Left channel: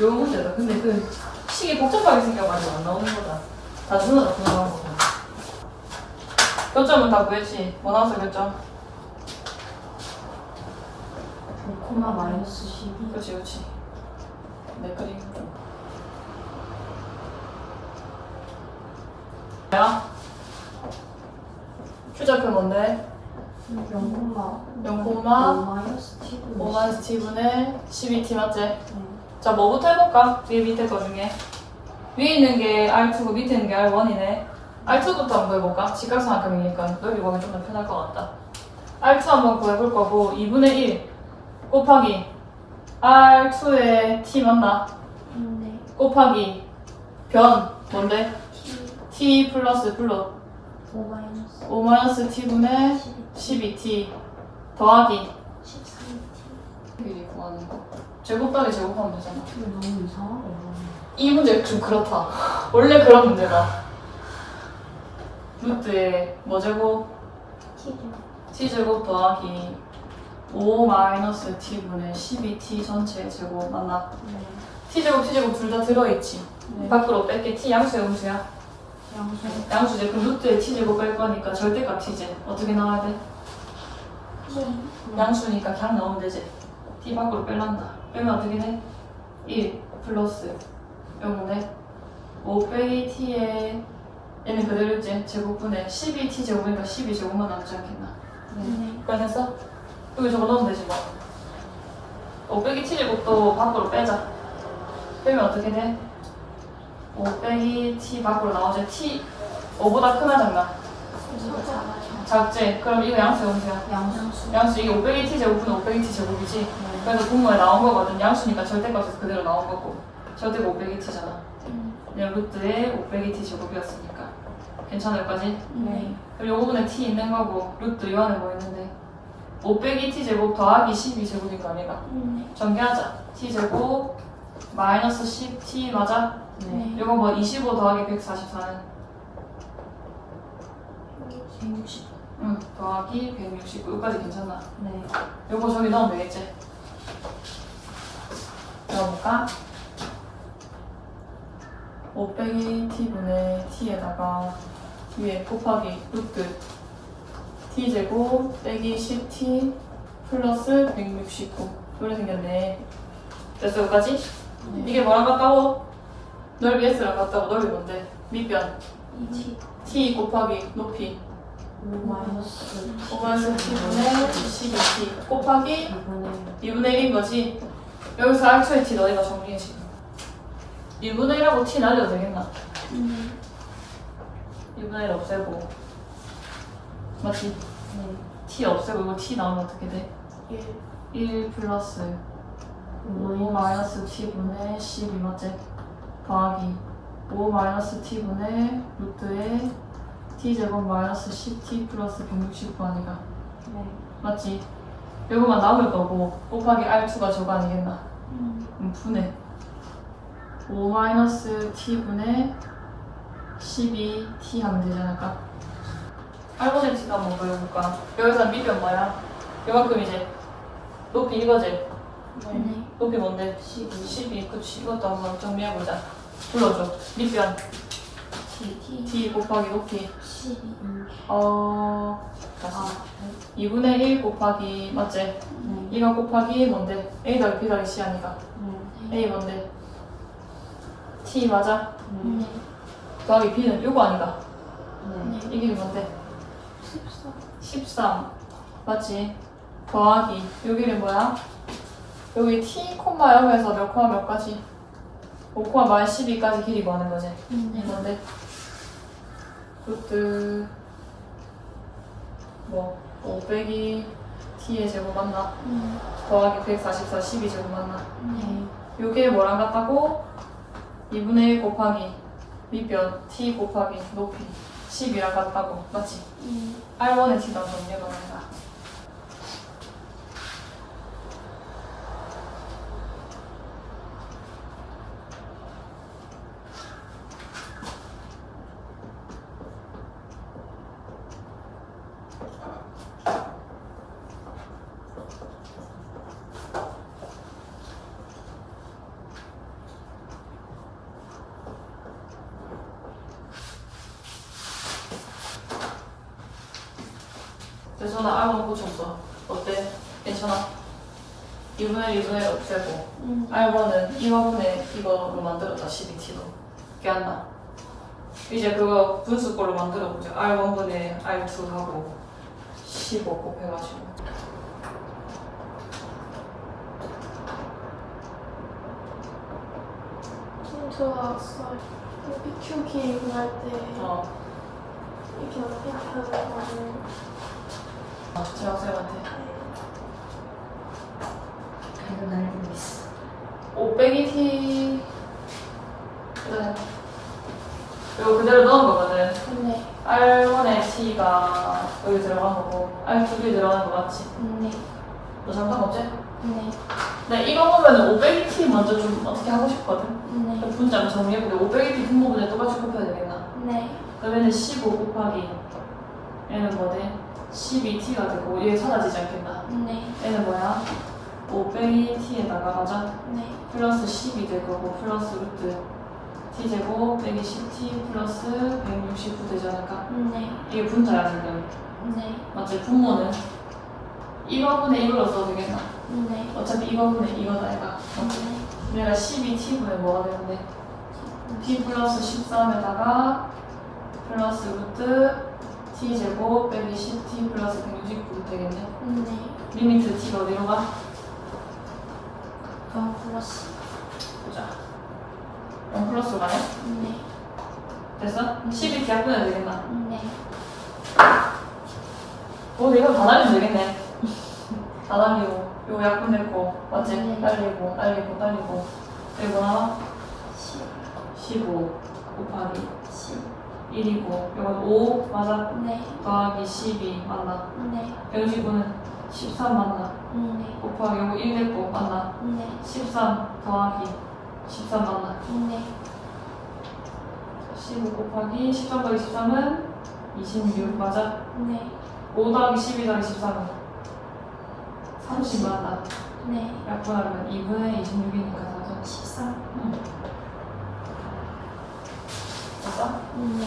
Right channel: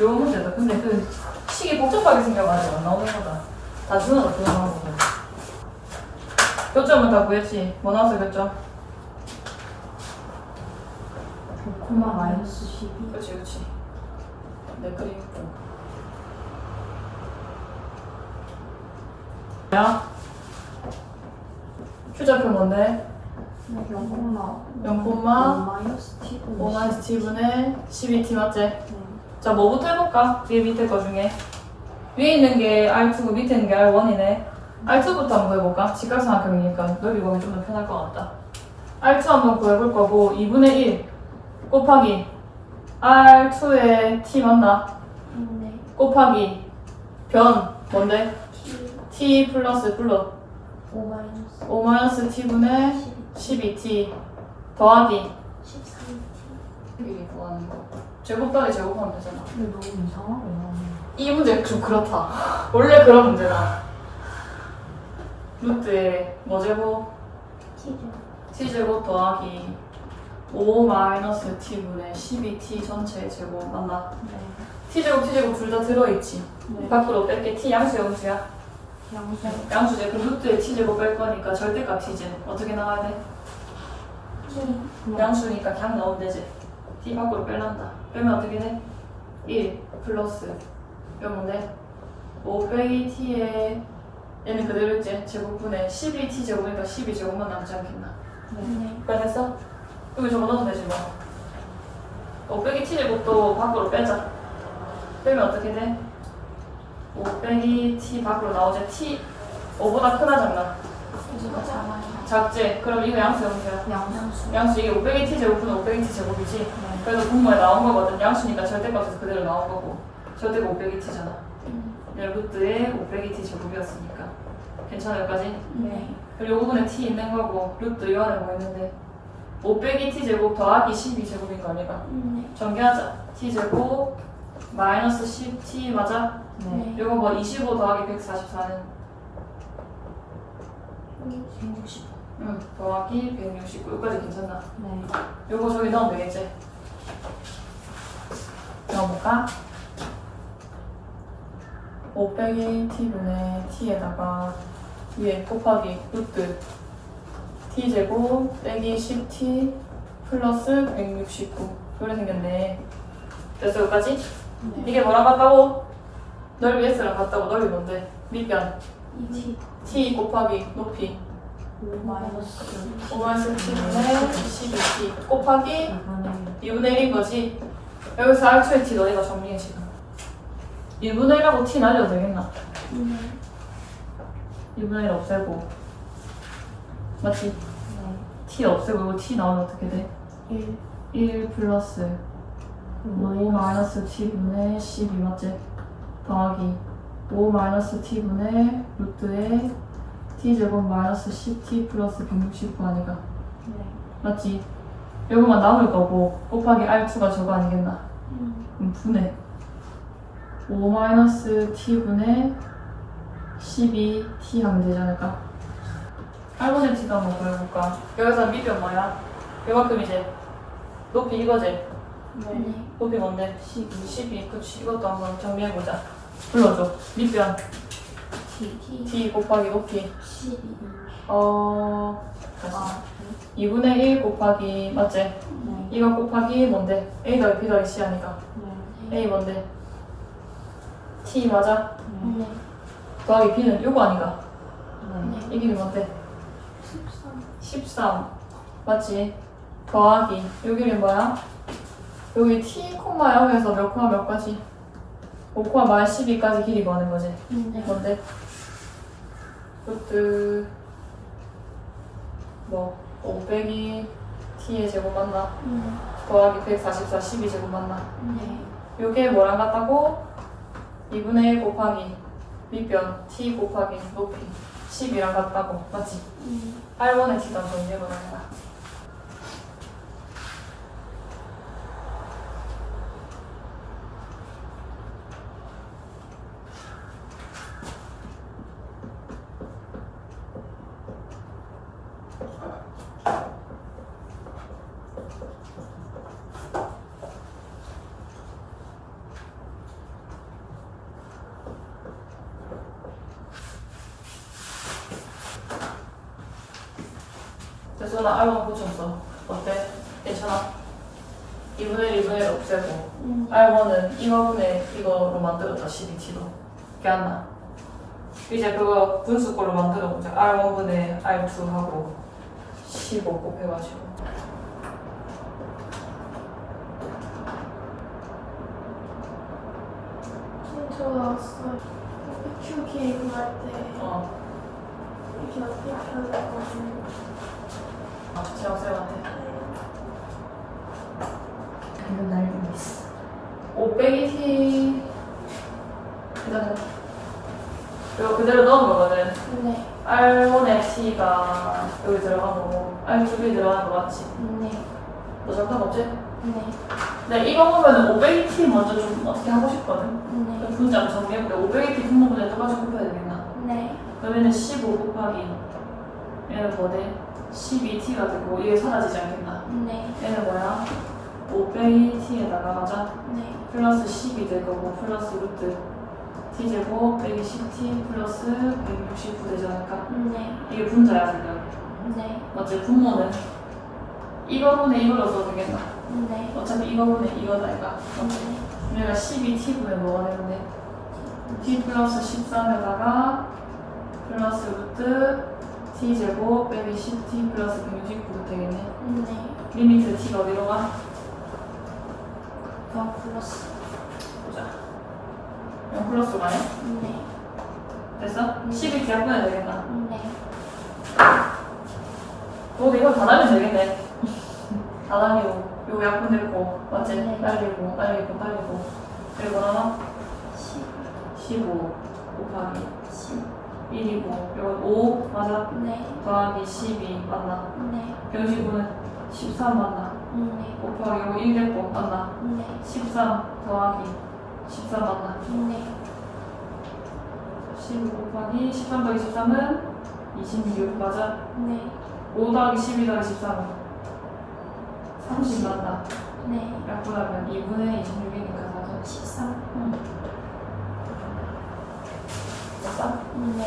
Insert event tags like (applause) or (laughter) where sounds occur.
요 문제다. 근데 그 식이 복잡하게 생겨가지고 안 나오는 거다. 다 준호가 그거 나오는 거다. 교점은 다 구했지. 뭐 나왔어 교점? 코마 마이너스 12 그렇지 그렇지. 내 그림. 야. 추적표 뭔데? 0콤마 0콤마 마이너스 t 5마이너스 t분의 12t 맞지? 네. 자, 뭐부터 해볼까? 위에 밑에 거 중에. 위에 있는 게 R2고 밑에 있는 게 R1이네. R2부터 한번 구해볼까? 직각삼각형이니까 넓이 보기 좀 더 편할 것 같다. R2 한번 구해볼 거고, 2분의 1 곱하기 R2의 T 맞나? 네. 곱하기 변 뭔데? t T 플러스 플러 5 마이너스 5 마이너스 T분의 12 12T 더하기 13t 미리 구하는 거. 제곱 더하기 제곱하면 되잖아. 근데 너무 이상하네 이 문제 좀 그렇다. (laughs) 원래 그런 문제다. 루트에 뭐 제곱? t죠 t제곱 더하기 5 마이너스 t분의 12t 전체 제곱 맞나? 네. t제곱 t제곱 둘 다 들어있지. 네. 밖으로 뺄게 t 양수 영수야. 양수 양수제 그 루트에 t제곱 뺄 거니까 절대값 t제 어떻게 나와야 돼? 양수니까 그냥 나오면 되지. T 밖으로 빼란다. 빼면 어떻게 돼? 1 플러스 0분의 5 빼기 t에 얘는 그대로 있지. 제곱분의 12t 제곱이니까 12제곱만 남지 않겠나. 네. 그래서 여기 저거 넣으면 되지 뭐. 5 빼기 t 제곱도 밖으로 빼자. 빼면 어떻게 돼? 5 빼기 t 밖으로 나오지. t 5보다 크나 작나? 이거 작아요 작지? 그럼 이거 양수 영수야. 양수 양수 이게 5 빼기 t 제곱은 5 빼기 t 제곱이지. 네. 그래서 공모에 나온 거거든. 양수니까 절대값에서 그대로 나온 거고. 절대가 5 빼기 t잖아. 음. 네, 루트에 5 빼기 t 제곱이었으니까. 괜찮을까지? 네. 그리고 요 부분에 t 있는 거고 루트 요 안에 뭐 있는데 5 빼기 t 제곱 더하기 12 제곱인 거 아니가? 네. 전개하자. t 제곱 마이너스 10t 맞아? 네. 요거 뭐25 더하기 144는 160 응 더하기 169 여기까지 괜찮나? 네. 요거 저기 넣으면 되겠지? 넣어볼까? 5 빼기 t분의 t에다가 위에 곱하기 루트 t제곱 빼기 10t 플러스 169 그래 생겼네 됐어 여기까지? 네. 이게 뭐랑 같다고? 넓이 s랑 같다고 넓이 뭔데? 밑변 2t t 곱하기 높이 5 마이너스 5마이너스 t분의 12t 곱하기 2분의 2분의 1인 거지. 여기서 R2의 t 너희가 정리해 지금. 1분의 1하고 t 날려도 되겠나? 네. 2분의 1 없애고. 맞지? t 없애고 이거 t 나오면 어떻게 돼? 1 1 플러스 5 마이너스 t분의 12 맞지? 더하기 5 마이너스 t분의 루트에 t제곱 마이너스 10t 플러스 169 아니가? 네. 맞지? 요거만 남을 거고 곱하기 R2가 저거 아니겠나? 음. 그럼 분해 5 마이너스 t분의 12t 하면 되지 않을까? 8분의 t도 한번 보여볼까? 여기서 밑변 뭐야? 요만큼 이제 높이 이거지? 네. 높이 뭔데? 12 12 그치 이것도 한번 정리해보자 불러줘 밑변 t t t 곱하기 높이 12 어... 아 2분의 1 곱하기 맞지? 네. 이거 곱하기 뭔데? a 더하기 b 더하기 c 하니까 네. a 뭔데? t 맞아? 네. 더하기 b는 요거 아니가? 네. 이게 뭔데? 14 13 맞지? 더하기 여기는 뭐야? 여기 t 콤마 0에서 몇 콤마 몇 가지? 5 콤마 마이 12까지 길이 구하는 거지 네. 뭔데? 루트 뭐 5 빼기 t의 제곱 맞나? 네. 더하기 144 12 제곱 맞나? 네. 요게 뭐랑 같다고? 2분의 1 곱하기 밑변 t 곱하기 높이 10이랑 같다고 맞지? 음. 8번의 t가 정리해보는 거야 그래서 나 R1 고쳤어. 어때? 괜찮아? 2분의 1, 2분의 1 없애고 음. R1은 이화분의 이거로 만들었다 12t로 기억나? 이제 그거 분수꼴로 만들어보자 R1분의 R2 하고 15 곱해가지고 좋았어. PQ 기획할 때 어, 이렇게 어떻게 하는 거는 제 학생한테 방금 날 보냈어. 5 빼기 T 그다음 이거 그대로 넣은 거거든 네. R1의 T가 여기 들어간 거고 R2이 들어가는 거 맞지? 네. 너 잠깐 없지? 네. 네 이거 보면은 500T 먼저 좀 어떻게 하고 싶거든 네. 분자 한번 정리해보래 500T 분모분에 똑같이 곱해야 되겠나? 네. 그러면은 15 곱하기 얘는 뭐돼? 12T가 되고 얘 사라지지 않겠나? 네. 얘는 뭐야? 500T에다가 맞아? 네. 플러스 10이 될 거고 플러스 루트 T제곱 빼기 10T 플러스 169 되지 않을까? 네. 이게 분자야 지금 네. 맞지? 분모는 이거분의 이걸로 써도 되겠나? 네. 어차피 이거분의 이거다 이거 네. 우리가 12T분의 뭐가 되는데? T 플러스 13에다가 플러스 루트 T제곱 빼기 10T 플러스 169도 되겠네 네. 리미트 T가 어디로 가? 원 플러스. 보자 0 플러스 가네? 네. 됐어? 12T 약분해야 되겠다 네. 어, 이거 다 날리면 되겠네. 다 날리고, 요 약분했고, 맞지? 네. 날리고, 날리고, 날리고. 그리고 나와 10. 15 곱하기 10. 1이고, 이건 5 맞아? 네. 더하기 12 맞나? 네. 119는 13 맞나? 네. 곱하기 이거 1 됐고 맞나? 네. 13 더하기 13 맞나? 네. 15 곱하기 13 더하기 13은 26 맞아? 네. 5 더하기 12 더하기 13은 30 맞나? 네. 약분하면 2분의 26이니까 맞아? 13. 응. só um